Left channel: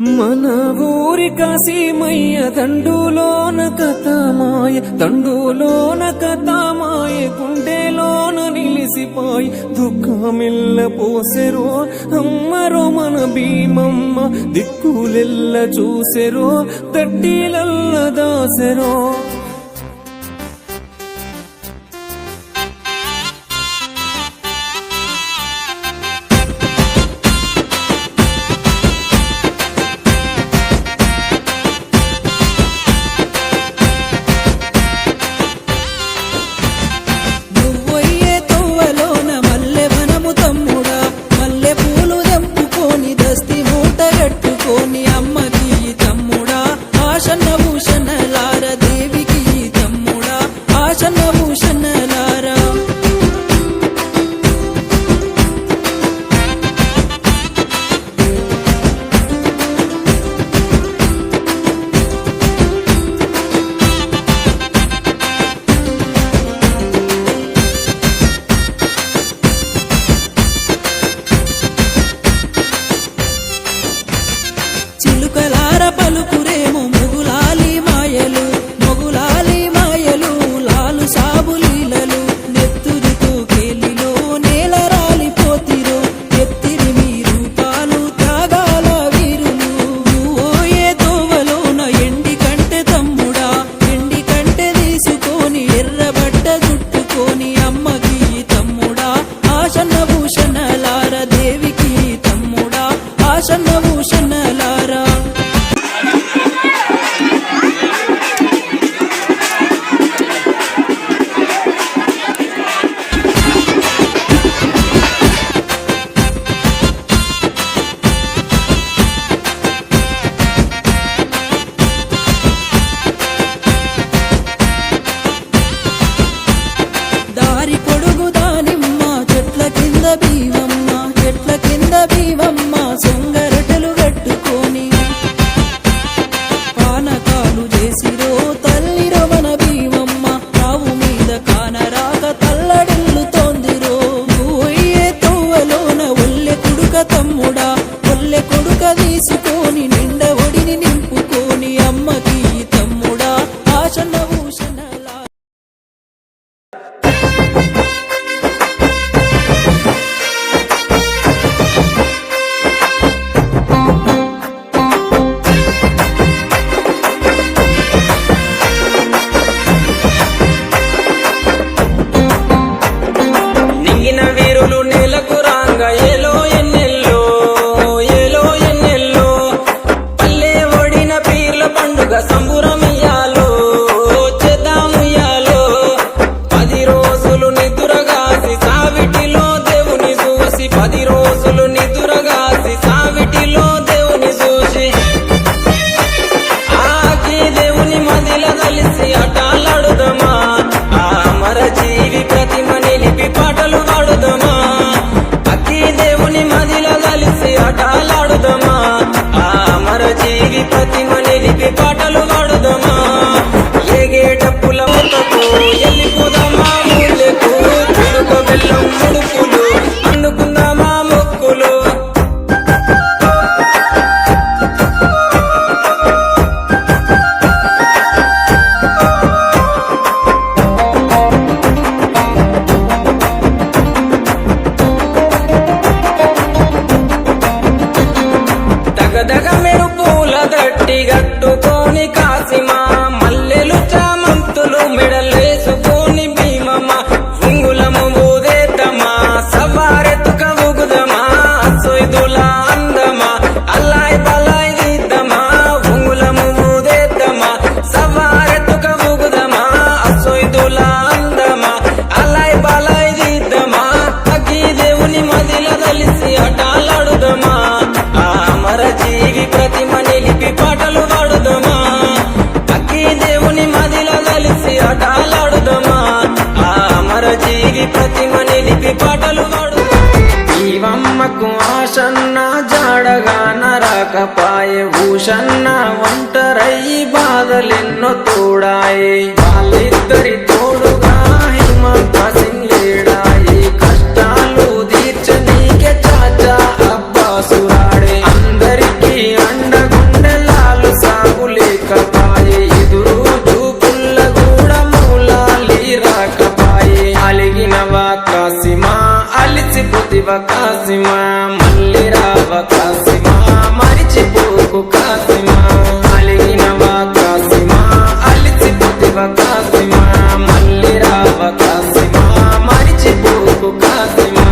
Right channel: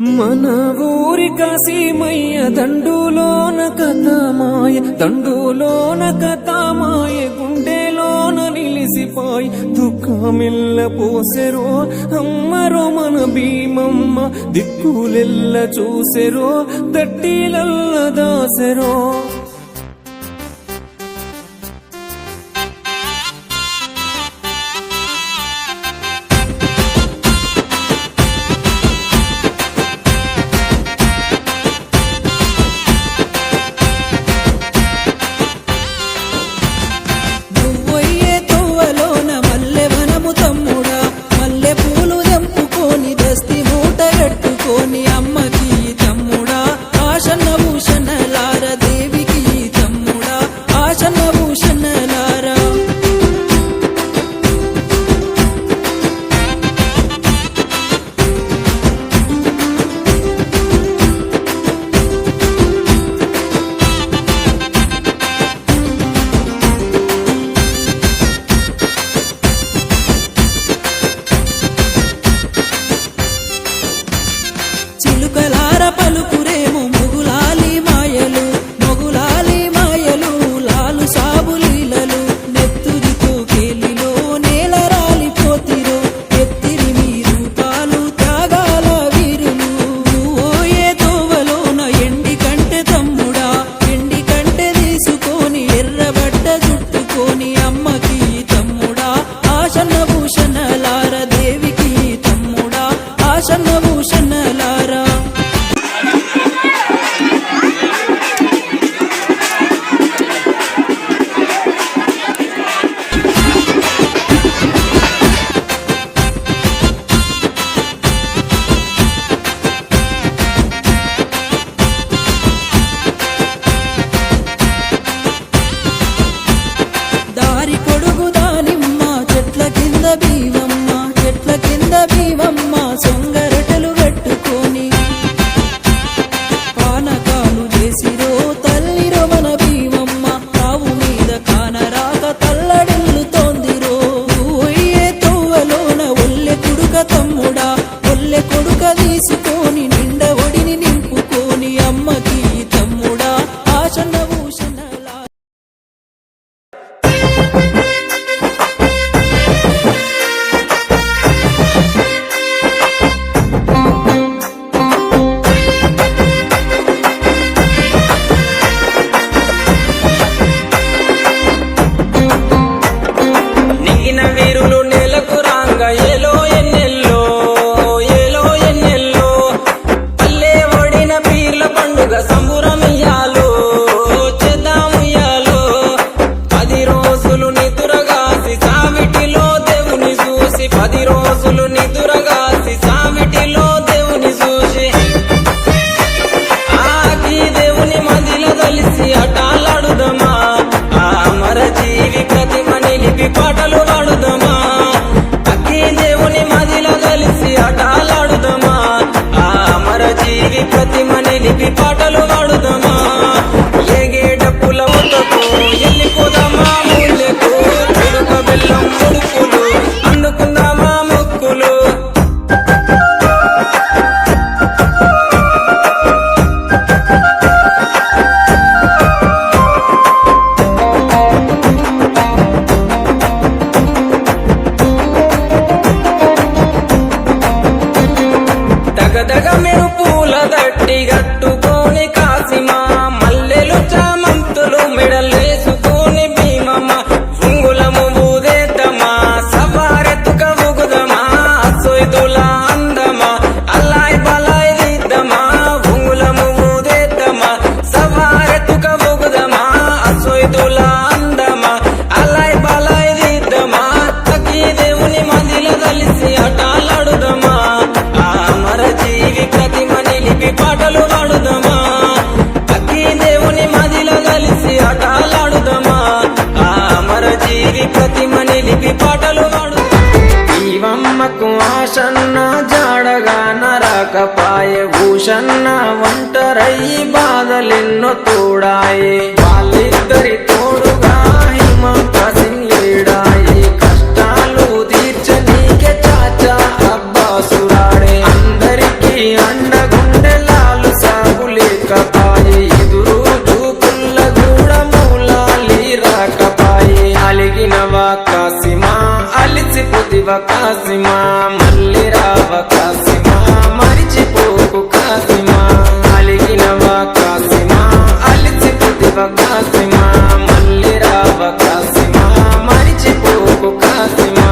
మన ఊరి కాశీమయ్య దండులోన కథమాయ దండులోన కథమాయ గుండెలోన నిలిసిపోయి దుఃఖమిల్ల పోసెరో అమ్మరో మన భీమమ్మ దిక్కులెల్ల చూసెరో దట్టిలల్ల దాసెరో అమ్మకి తమ్ముడా ఆశన్న భూషణలార దేవికి తమ్ముడా ఆశన్న భూషణలారా చిలుకలార పలుకురేమో మొగులాలి మాయలు మొగులాలి మాయలు లాలు సాబులీలలు నెత్తురుతో కేలిలో నేల రాలిపోతిరో ఎత్తిరి మీరు తాలు త్యాగాల వీరులు ఓయే తోవలోన ఎండి కంటే తమ్ముడా ఎండి కంటే తీసుకొని ఎర్రబడ్డ జుట్టుకొని అమ్మకి తమ్ముడా ఆశన్న భూషణలార దేవికి తమ్ముడా ఆశన్న భూషణలారా దారి పొడుగు దానిమ్మ చెట్ల కింద భీమమ్మ చెట్ల కింద భీమమ్మ సొంగరటలు కట్టుకొని పానకాలు చేసిరో తల్లిరో మన భీమమ్మ రావు మీద కానరాక తల్లడిల్లుతోందిరో ఓయే తోవలోన ఒల్లె కొడుక తమ్ముడా ఒల్లె కొడుక తీసుకొని నిండ ఒడిని నింపుకొని అమ్మకి తమ్ముడా ఆశన్న భూషణలా నింగిన వీరులు నేలకు రాంగ ఏలో ఎన్నెల్లో ఏలో ఎన్నెల్లో పల్లె ఒడిన పీర్ల పండుగ సంబురమియాలో చేద్దాముయ్యాలో 10 రోజులు నిదురగాసి సావిటిలో దేవుని చూసి 10 రోజులు నిదురగాసి సావిటిలో దేవుని చూసి ఆకి దేవుని మదిల దలిసి అటాలాడుదమా ఆ అమర జీవి ప్రతిమ నిలిపి పాటలు పాడుదమా అక్కి దేవుని మదిల దలిసి అటాలాడుదమా ఆ అమర జీవి ప్రతిమ నిలిపి పాటలు పాడుదమా ఏగే డప్పుల ముతకు ఎల్లిపోదామా మూలెకు ఉడుక బెల్లం ముడుపులు అందుకుందామా మొక్కులు దగదగ మెరుపుల దట్టి గట్టుకొని కాసిమా మల్లెలు చామంతులు మెడలేసుకొని భీమమ్మ ఉంగులము ఊదేద్దమా సవారెత్తుక ఊగుదమా సొయ్దుల అందమా అల్లాయ్ బలాయ్ దిద్దమా ఉంగులము ఊదేద్దమా సవారెత్తుక ఊగుదమా సొయ్దుల అందమా అల్లాయ్ బలాయ్ దిద్దమా అగ్గి దేవుని మదిల దలిసి అటాలాడుదమా ఆ అమర జీవి ప్రతిమ నిలిపి పాటలు పాడుదమా అక్కి దేవుని మదిల కలిసి అటాలాడుదమా ఆ అమర జీవి ప్రతిమ నిలిపి పాటలు పాడుదమా జీవమ్మకు ఆశన్న జాడగా నరకపాయే భూషన్న ఒంటరయ్యి బాధలెన్నో తోడాయి వాళ్ళిద్దరి తోడుగా హిమంత సింగ్ లేడాయి కష్టాలు తీర్చనీకే చాచా అబ్బాసురాడే అందరికీ అండగా మరిచిపోతివ కాసిమా మళ్ళీ రావ కాసిమా మరిచిపోకు కాసిమా అలిగినవా కాసిమా అలిచిపోతివ కాసిమా మళ్ళీ రావ కాసిమా మరిచిపోకు కాసిమా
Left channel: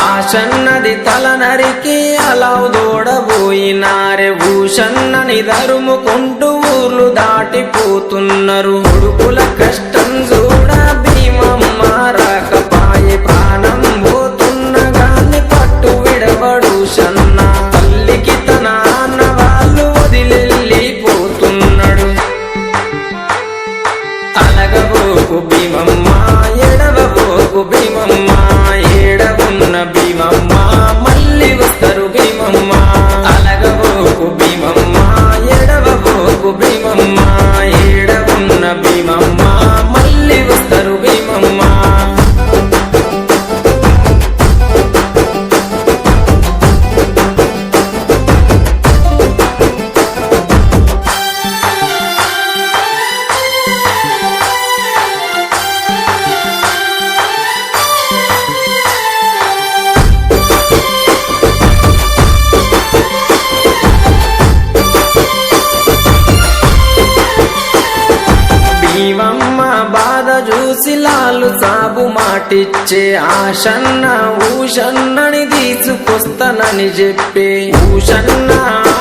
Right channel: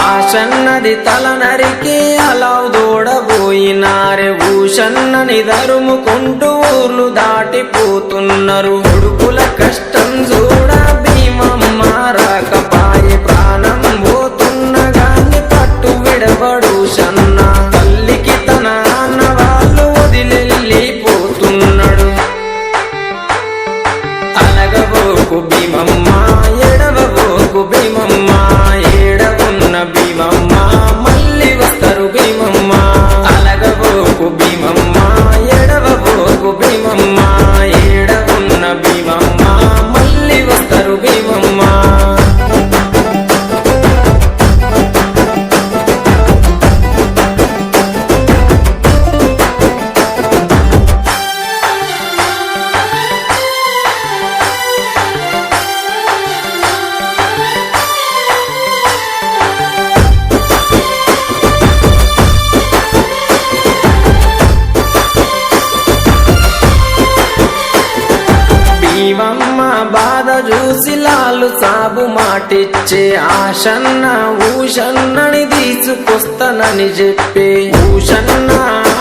ఆశన్నది తల నరికి అలావు దూడబోయినారే ఊషన్నని దరుముకుంటూ ఊర్లు దాటిపోతున్నారు కొడుకుల కష్టం చూడ భీమమ్మ రాకపాయే ప్రాణం పోతున్న గాని పట్టు విడవడు షన్న తల్లికి తన అన్న వాళ్ళు వదిలెళ్ళిపోతున్నాడు అలగబోకు భీమమ్మ ఎడవబోకు భీమమ్మ ఏడవున్న భీమమ్మ మళ్ళీ వస్తారు భీమమ్మ అలగబోకు భీమమ్మ ఎడవబోకు భీమమ్మ ఏడవున్న భీమమ్మ మళ్ళీ వస్తారు భీమమ్మ భీమమ్మ బాధ చూసి లాలు సాబు మాటిచ్చే ఆశన్న ఊషన్నని తీసుకొస్తానని చెప్పే ఊషన్న